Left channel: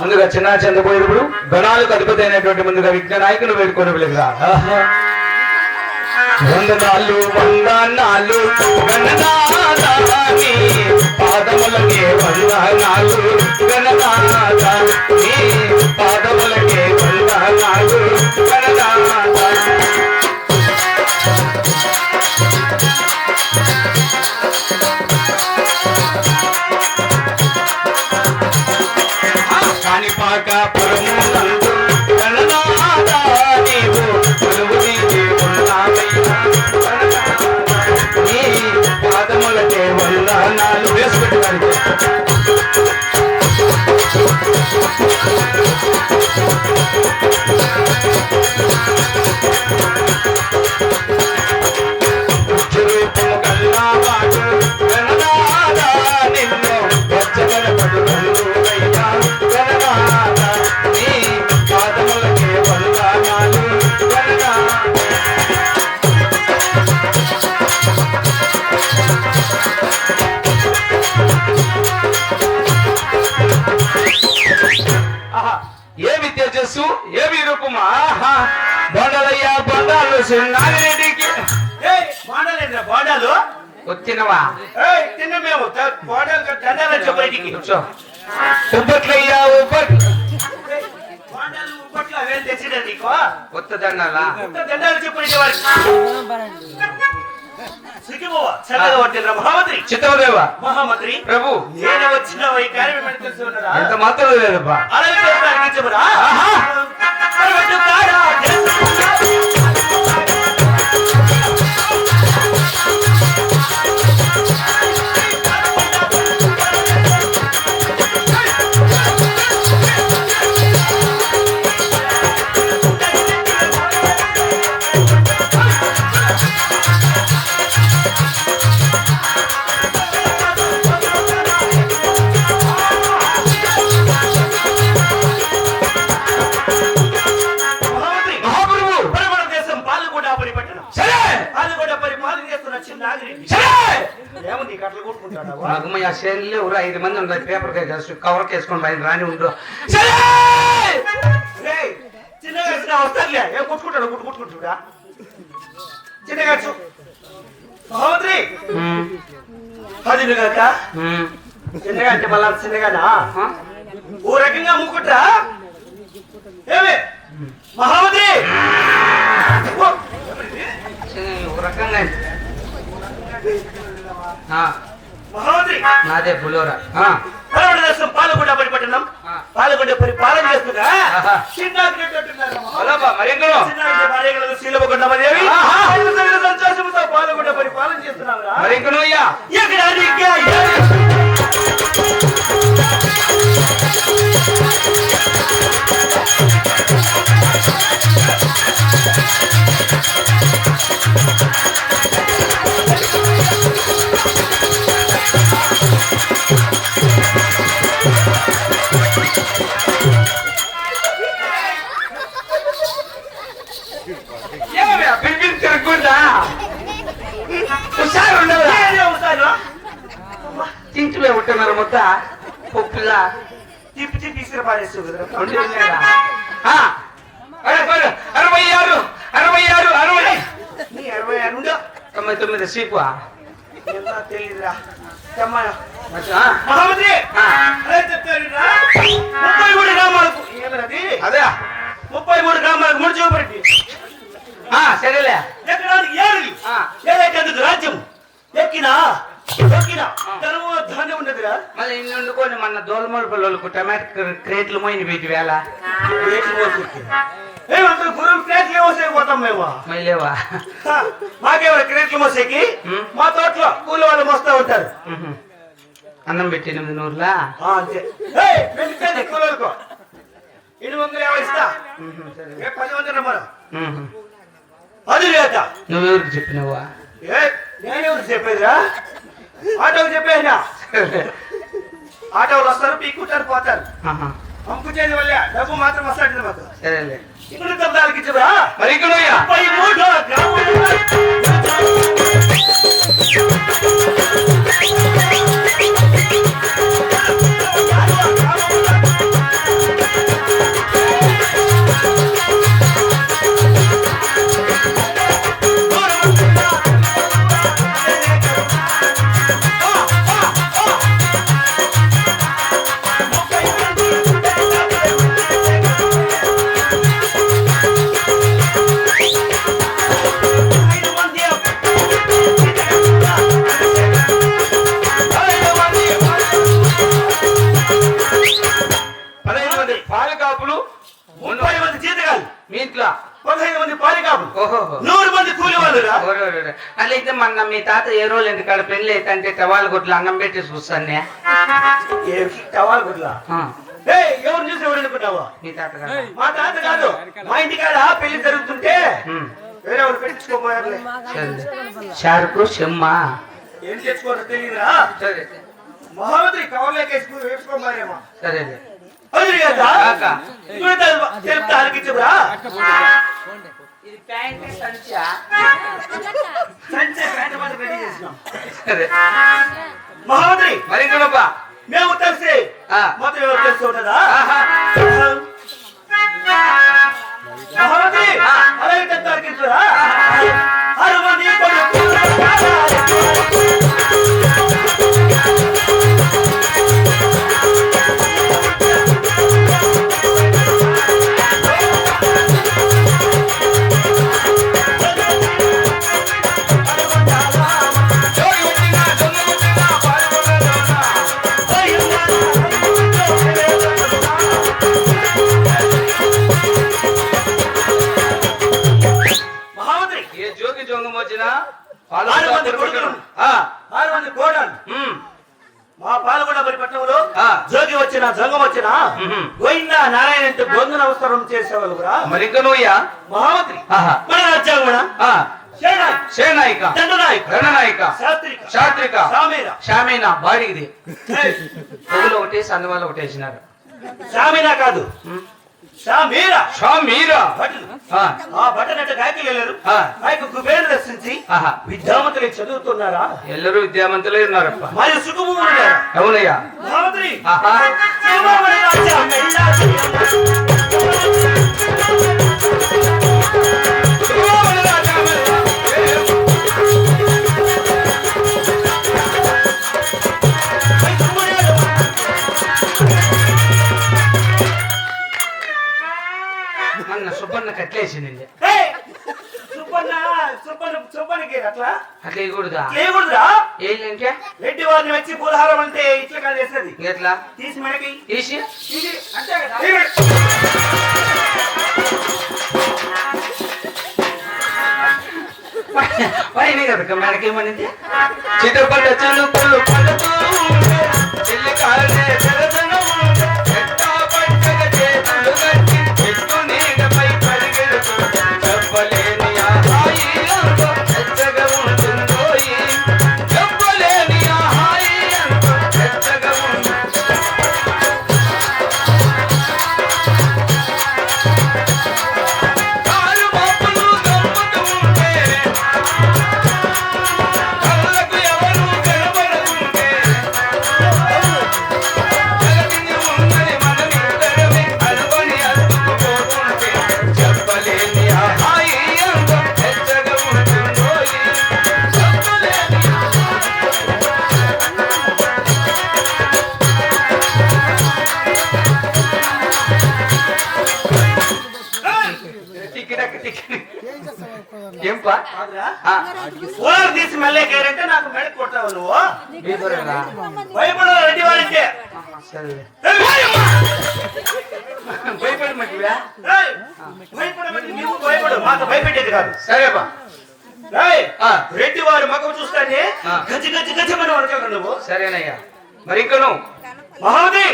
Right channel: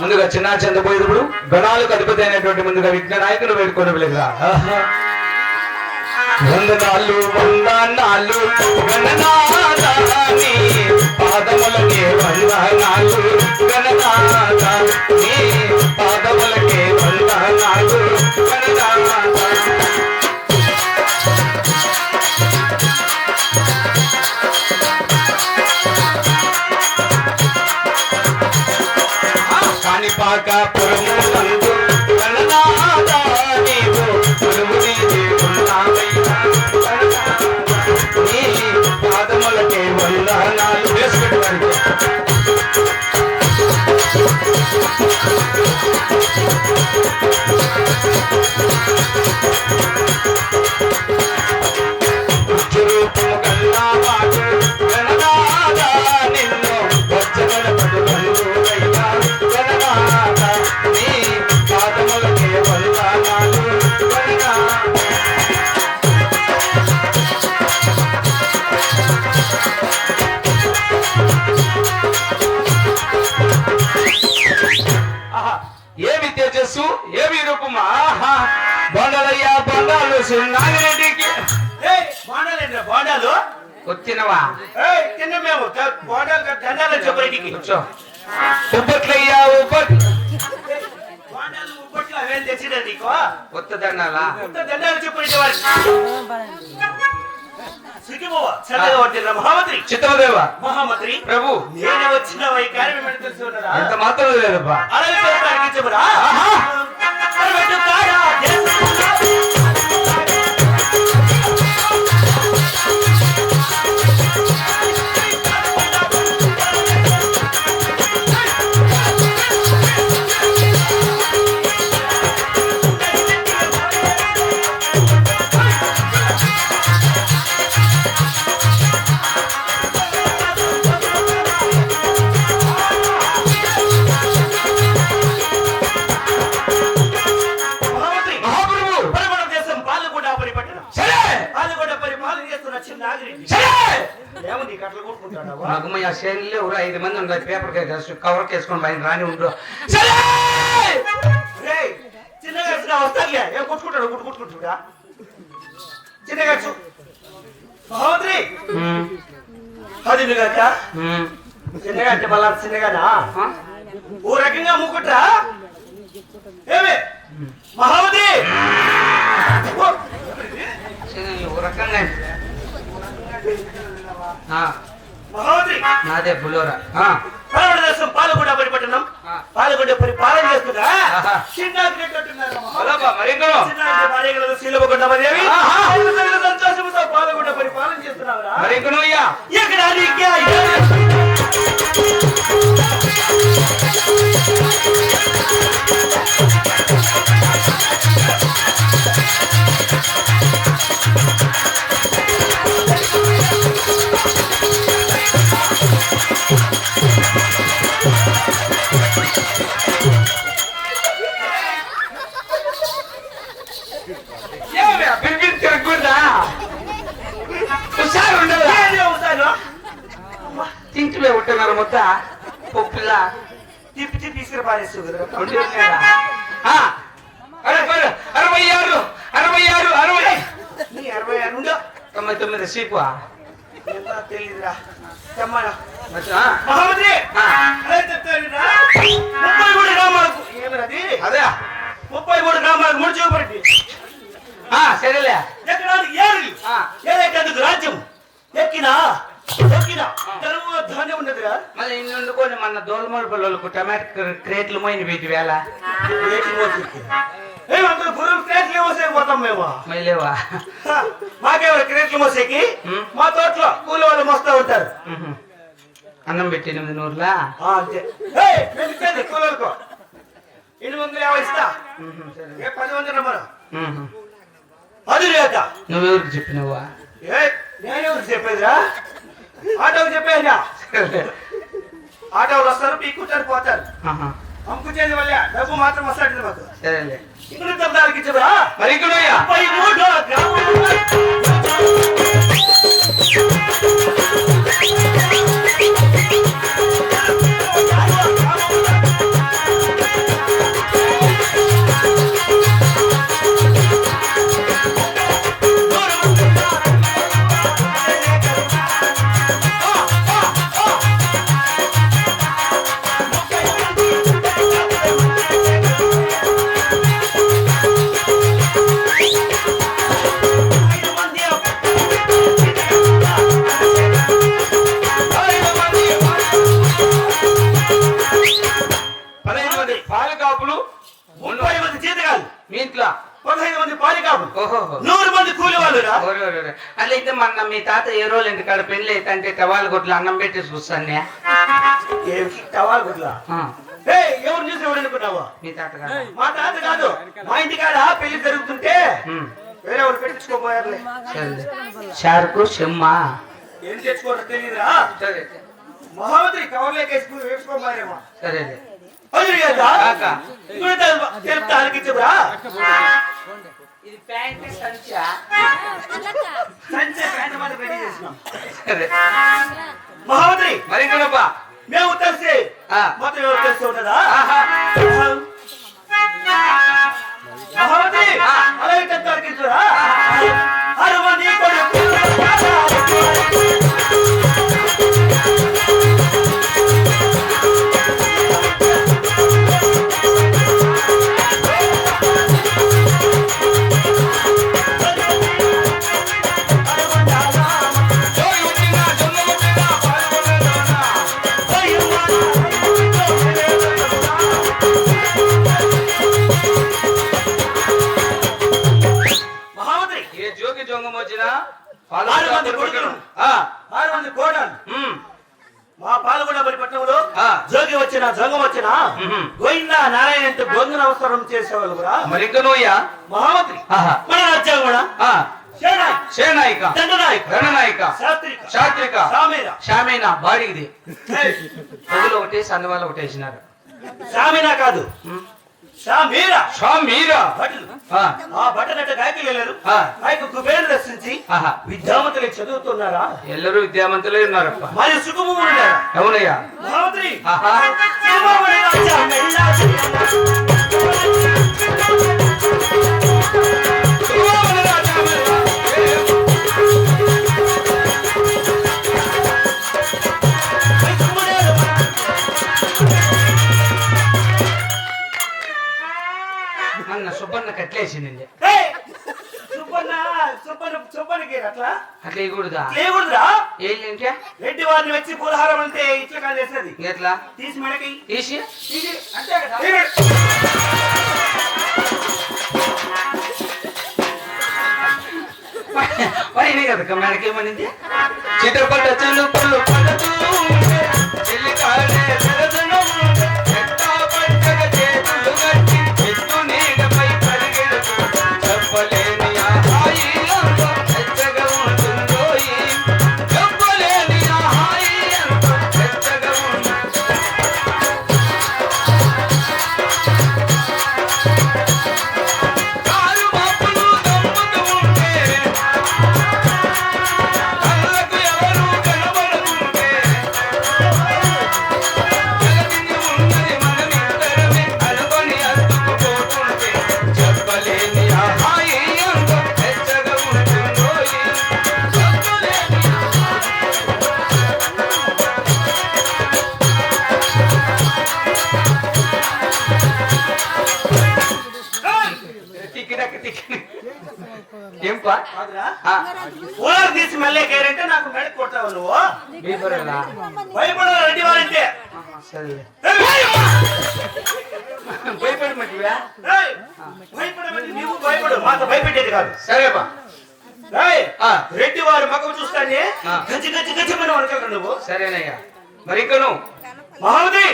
ముందుగా చిన్న చంద్రపోయినప్పుడు గణాలకు అధిపతి అయినటువంటి ముందుగా విజ్ఞ నాయకులు వేడుకొని వెలుగురా వందనాలు వందనాలు గణనాథాని పాదములకే వందనాలు గణనాథ నీ పాదములకే వందనాలు గణనాథ కాణిపాక పురములందు గణనాథ నీవు కొలువుదీరి ఉన్నావయ్యా గణనాథ నీ పాదములకే వందనాలు వేసుకుంటున్నాను. రూపము కల్లావాడు గణనాథ నిన్ను వచ్చగల పదులయ్యా గణనాథ నీ పాదములకే వందనాలు గణనాథ. ఏమి తేజస్సు ఏమి రూపమా బొండాలయ్యా బొండాలు నాగిరెడ్డికి బోండాలు వచ్చినవా తిన్న మేము బోండాలు దండాలు చెప్పండి ఉబ్బట్లయ్యా ఉబ్బట్ బోండాలు ఉప్పట్లో అవేం తెచ్చినా నీకు కొత్తదన్నారా దండాలు చెప్పండి వారికి సిగ్గిపోవా చల్లగా వచ్చిన మహామంత్రి చిత్రదేవ మహామంత్రి ప్రభు నేను వచ్చిన ఈ కార్యం తెలిసి ఉన్నారా ఎంత మాత్రం లేదబ్బా అలాగే చెప్పరా మగమయ్య శైలిలో 5 మంది ఉన్నారు పేపర్ కవర్ కేసుకొని బయట రాని ఉండు చిన్నగా వస్తారులే ఏం కొట్టుకుంటాడు కొట్టుకుంటుడా చిన్నగా మహామంత్రి అది కాక చిన్నగా అంటే మళ్ళా చిన్నగానా ఓ రకంగా అమ్ముకుంటా ఏమి మహామంత్రి రకంగా మహామంత్రి నాదే పులిహోర దేశం పాలకొండ పరిపట్టణం పాలకొండ పరిపాలన చేస్తున్నా శీలకొండ సంతోషంతో పాలకొండ పరిపాలన చేస్తున్నారా తింటులే ఉంటున్నారు మొత్త పొప్పుల తిప్పి తిప్పి ఇసురు పారేస్తూ 66 నీ 66 ఉండు 99 సీపు తెలియదురా మహామంత్రి చెప్తారు 33 గ్రామాలకు ఏమన్నది అదే 33 గ్రామాలకు మూడు చూపండి సరేలే ఎక్కడానికి ఏదైతే రాజ్యం ఎక్కినా ధాన్యం ఉన్నదిరా మళ్ళీ ఇన్ని వండుకొని మన దోలమూల పిల్లలకు టమాటో క్రేట్లు పోయింది వీటి వేళ ఏమంటారు గురువు క్రేట్లు మోసేకి పోతాం మేము మళ్ళీ లేవా మాకేమైనా క్రేట్లు మోసేకి మా తోటలో కూలి వాళ్ళు మోస్తా ఉంటారు అన్నం పెట్టి 8 నూరులా అంతే కూలరుకో 850 ఇస్తా 10 మనం అది లేక నువ్వెవరికి చెప్పినవా నేనెవరికి చెప్పేదిరా ఆటోకి చెప్పేనా ఆటోలు వస్తారు పీక్కుంటారు పోతారు అమ్ముకునేది వల్ల డబ్బు మాత్రం వస్తాడు మాకు సరేలే ఇక్కడ తొందరకి ఇచ్చురా మరి ఇక్కడ రోజుకు 30 మంది జీతగాళ్ళు, మీ ఇంట్లో 15 మంది పాలికాపులు, ఓహో 100 మంది కూలి వాళ్ళురా. అట్లయితే మొన్న మీ తాత ఏ రోజు ఇంటికాడ పెళ్లి అయితే అంటే టవాల్ కొట్లు అన్నం పెట్టేసి వస్తానే టవాల్ గుడ్లా ఎవరు చూసి ఎవరు అనుకుంటావా? మీ తాత కాదా? మా తాత కాదు, మా ఇంటికాడ పెళ్లి జరుగుతుంటే వేరే వాళ్ళు పెట్టించుకోపోయారులే. సరే షారుకు చెమ్మ ఏం చేసుకోవాలో తెలియదురా. సరే మహామంత్రి కవర్లేకేసి వేసుకోమారేమో. సరే అది కదా కాకా. చెప్తా అనిపించరా. ఇది ప్యాంట్ సంచా. సంచే ప్యాంట్ మాట రెడీ చేసినాం. సరే మహామంత్రి మరి చూడబ్బా మేము తెలిసి మొత్తం ఎవరు తెలిసి ఉంటుందా? మహామంత్రి అలా ఇంత అనిపించరా. అరవని మా పాల్గొండ పట్టణంలో జోగి వచ్చిన జంగం వచ్చిన గోయిందా నారాయణ అంటే గొంతు నమస్కారం చేసేవాళ్ళు కూడా. మరి ఇంకా నువ్వుయా మహామంత్రి మన రాజ్యం కూడా సేనాయిక రణనాయిక శాస్త్రిక శామీన బాడిగిది పొగులు ఒకటి సన్నవాళ్ళు ఒకటి వేసినారు. శామీనా కాదు శామీరా. ఆ బట్టనట్ట గాయకి వెళ్ళారు. గాయకు కుబేరు దర్శించి విద్యావంతులు చదువుతున్నారా? ఎల్లరూ విద్యావంతులే ఉన్నారప్ప. మరియు సుఖము ఉన్నారా? అవునయ్యా. మహామంత్రి అన్న సుబ్బన్న కట్లేసింది. సుబ్బన్నకి అట్లా అట్లా ఇవ్వకూడదా? లేకూడదురా. ఏంటంటే రెడ్డి వారిని వచ్చి పూలహారం అంటే ఇట్లా కానీ వేస్తుంది. ఎట్లా తీసి మనకి తీసి అంతే కదా. వాడినే కదా మనకేమనింది చిత్రపట చిలుపులు పడుతూ చెల్లి కాడే చెప్పలేని ఆహాయి ఎచ్చగా ఉంటుందో చెప్పలేని ఆహాయి ఎచ్చగా ఉంటుందో. కాలు బాపులు దమ్ముతూ ఉంటే కళ్ళకు ఎవరు కనబడుతుంటే జగతిని ఉన్నది మనమిద్దరమే అనుకొని అనుకుపోతుంటే చెప్పలేని ఆహాయి ఎచ్చగా ఉంటుందో చెప్పలేని టిక్కిటక్ టిక్కి ఏంపా ఊరు తీసి మళ్ళీ కేరంటే నాకు మెడకు కొట్టావు నువ్వు. భయపడరా? భయపడవు రెడ్డి వారంటే. సరే భయపడమంటివా? భయపడమంటే నీవు భయపడు, మాకు భయపెట్టేది కాదు. సరేపా. రెడ్డి వారు మగం చూస్తానే గజ్జి గజ్జి గజ్జమని వడక నువ్వు. సరేనయ్యా. మరి ఇంకా నువ్వు మహామంత్రి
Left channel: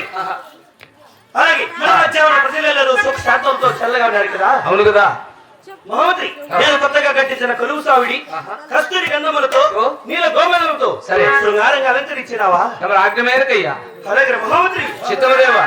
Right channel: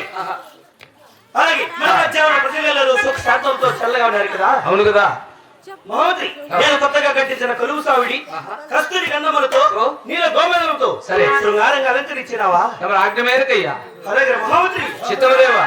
అలాగే మన రాజ్యంలో ప్రజలలో సుఖ శాంతంతో చల్లగా ఉన్నారు కదా. అవును కదా. మహామంత్రి నేను కొత్తగా కట్టించిన కలువు సావిడి కస్తూరి గంధములతో నీల గోమలతో సరే శృంగారంగా అలంకరించినావా? ఎవరు ఆజ్ఞ మేరకయ్యా. అలాగే మహామంత్రి చిత్తమదేవా.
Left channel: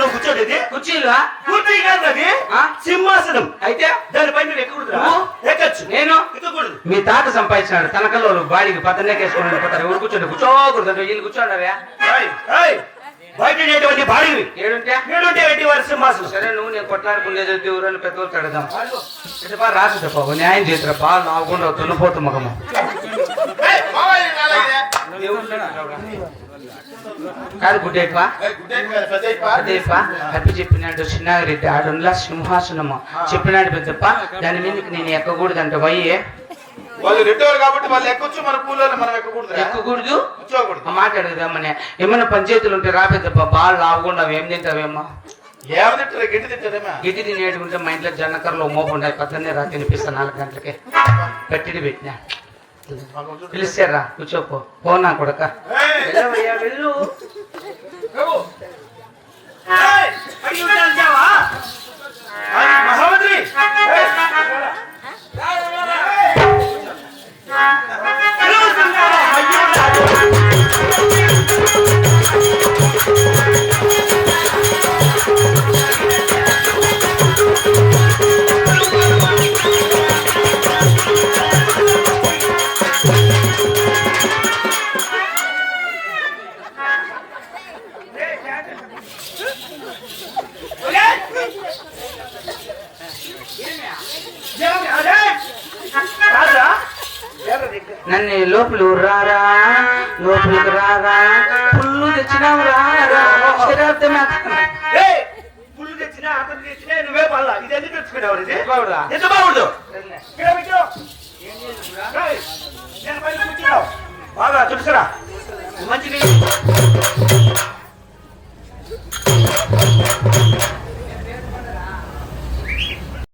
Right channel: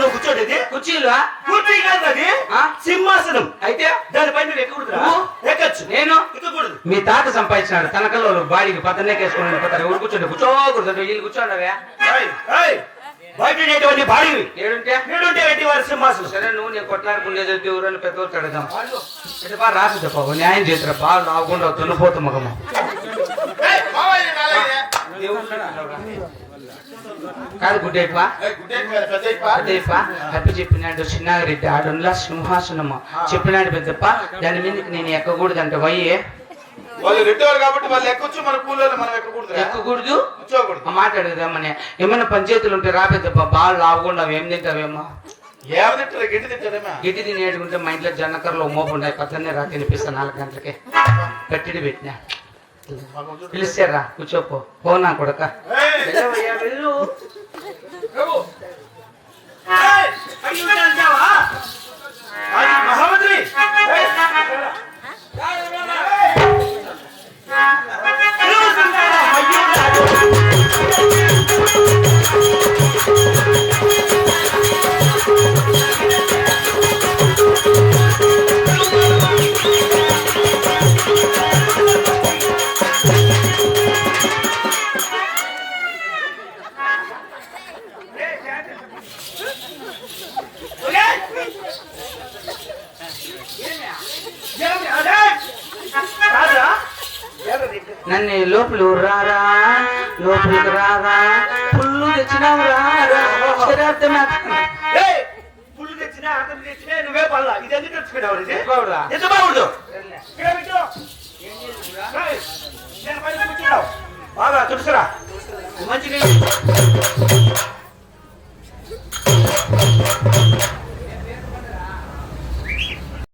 నువ్వు కూర్చోండి. కుర్చీలా కుర్చీ కాదు అది సింహాసనం. అయితే దానిపైన నువ్వు ఎక్కకూడదురా? ఎక్కచ్చు. నేను ఎక్కకూడదు. మీ తాత సంపాదించినాడు తనకల్లో బాడీకి పక్కనలేకేసుకుని వెళ్ళిపోతారు. ఎవరు కూర్చోండి కూర్చోకూడదు వీళ్ళు కూర్చోండారా? బయట ఉండేటువంటి బాడీవి ఏడుంటే ఏడుంటే రెడ్డి వారి సింహాసనం. సరే నువ్వు నేను కొట్లాడుకునేది ఊరని పెద్ద ఊరికి అడగాం రాదు చెప్ప న్యాయం చేతురా బాగా నాకుండా తున్నపోతు మగమ్మ కాదు గుడ్డేపా అదేపా తప్పి చెప్పినాడు చిన్నారెడ్డి ఆడులా సింహాసనము చెప్పినాడు పెద్దప్ప దాని మీదకి నేను ఎక్కకూడదంట వయ్యే వాళ్ళు రెండోరు కాబట్టి వాళ్ళు ఎక్కొచ్చు మన కూలోళ్ళు మనం ఎక్కకూడదు ఎక్కకూడదు కూర్చోకూడదు. ఆ మాట అడుగుదామని ఏమన్నా పంచాయతీలు ఉంటే రాబేద్దప్ప బాగా లాగుండా ఏం తింటావేమో ఏమని తింటారా గడ్డి తింటారేమా గిట్టి తినేటుకుంటే మా ఇంట్లో జన్నకర్లో మోపు ఉన్నాయి పక్కనే రా తినిపిస్తా 4 గంటలకి కట్టిడి పెట్టినా పిలిచారా కూర్చోపో పోనా కొడక వెళ్ళవయ్యా, వెళ్ళు అడిగి ఉంటాను చావా? అది మహామంత్రి హలో, సంగారా, అయ్యో రాజు. రాజా, నన్ను లోపల రారా లోపలికి రారా పుల్లు తెచ్చినావు రారా ఏయ్, పుల్లు తెచ్చినా అతను తెచ్చినా నువ్వే పడలా. ఇది ఎందుకు తెచ్చుకున్నావు? ఇది బాగురా. ఎంత బాగుండు. ఇక్కడ పెట్టు. ఏయ్, నేను పైన కూర్చున్నావు. బాగా తులసిరా మంచి నీళ్ళు.